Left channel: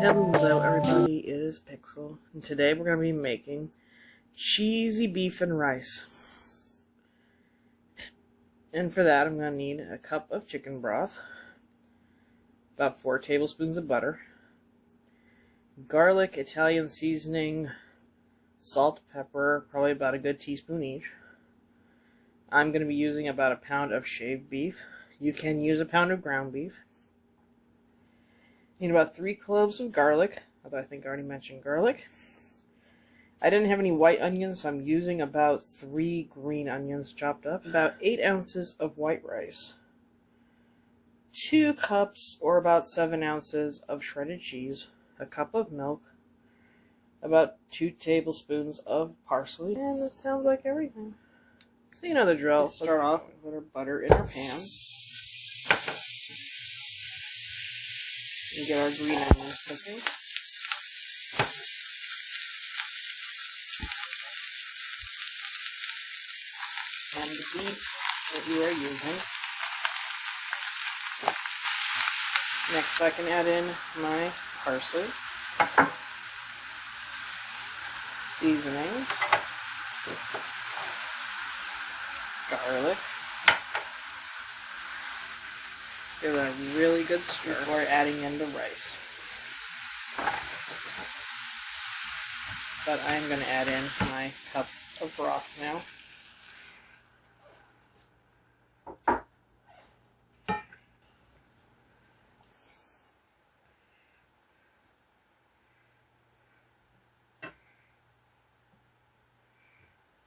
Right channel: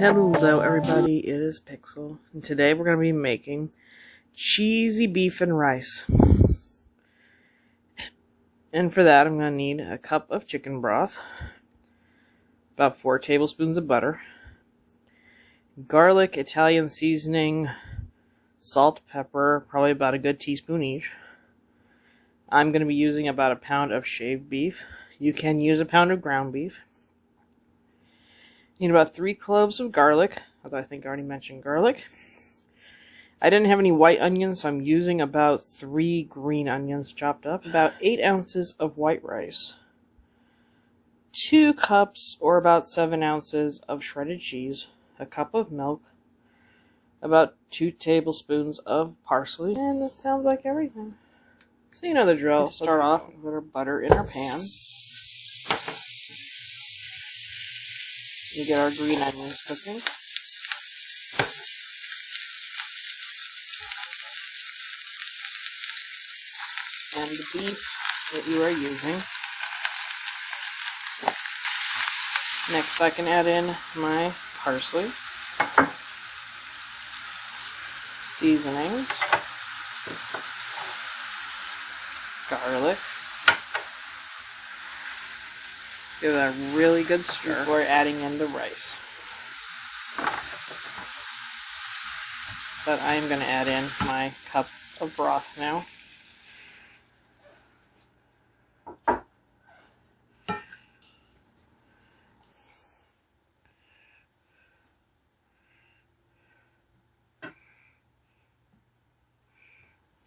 Hello everybody, it is Pixel, and today we're going to be making cheesy beef and rice. And for that I'm going to need a cup of chicken broth, about 4 tablespoons of butter, garlic, Italian seasoning, salt, pepper, probably about a good teaspoon each. I'm going to be using about a pound of shaved beef. You can use a pound of ground beef. Need about 3 cloves of garlic, although I think I already mentioned garlic. I didn't have any white onions, so I'm using about 3 green onions chopped up. About 8 ounces of white rice. 2 cups, or about 7 ounces of shredded cheese. A cup of milk. About 2 tablespoons of parsley. And that sounds like everything. So you know the drill. Let's start off with our butter in our pan. We get our green onions cooking. And the beef that you are using. Next I can add in my parsley, seasonings, garlic. Give that a really good stir before adding in the rice. But I am going to add in my cup of broth now.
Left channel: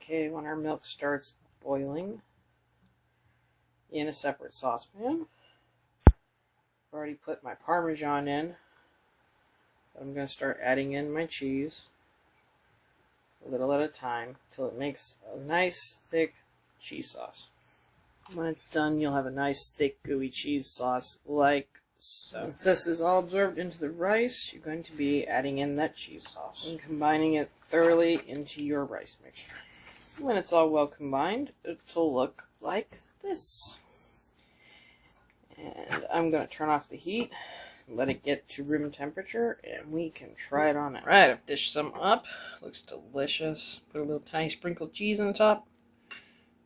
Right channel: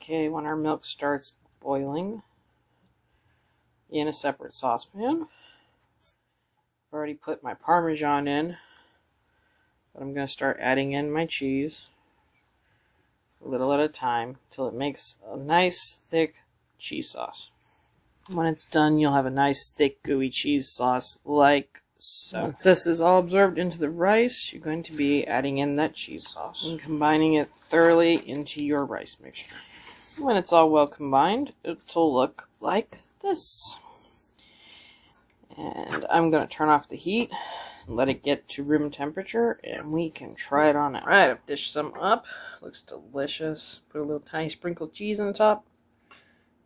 Okay, when our milk starts boiling in a separate saucepan, I've already put my Parmesan in, but I'm going to start adding in my cheese a little at a time till it makes a nice thick cheese sauce. When it's done, you'll have a nice thick gooey cheese sauce like so. Once this is all absorbed into the rice, you're going to be adding in that cheese sauce and combining it thoroughly into your rice mixture. When it's all well combined, it'll look like this. And I'm going to turn off the heat and let it get to room temperature, and we can try it on out. Alright, I've dished some up. Looks delicious. Put a little tiny sprinkle of cheese on the top.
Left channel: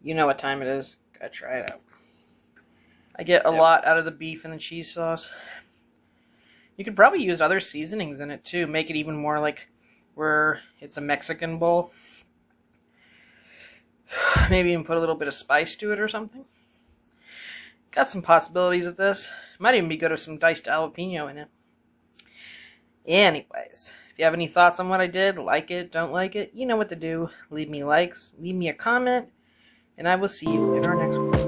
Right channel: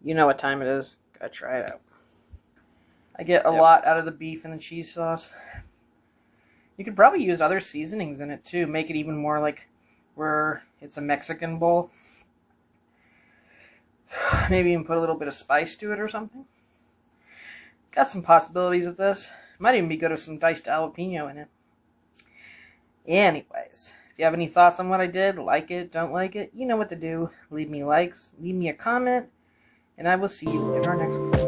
You know what time it is. Gotta try it out. I get a lot out of the beef and the cheese sauce. You could probably use other seasonings in it too. Make it even more like where it's a Mexican bowl. Maybe even put a little bit of spice to it or something. Got some possibilities of this. Might even be good with some diced jalapeno in it. Anyways, if you have any thoughts on what I did, like it, don't like it, you know what to do. Leave me likes, leave me a comment, and I will see you in our next one.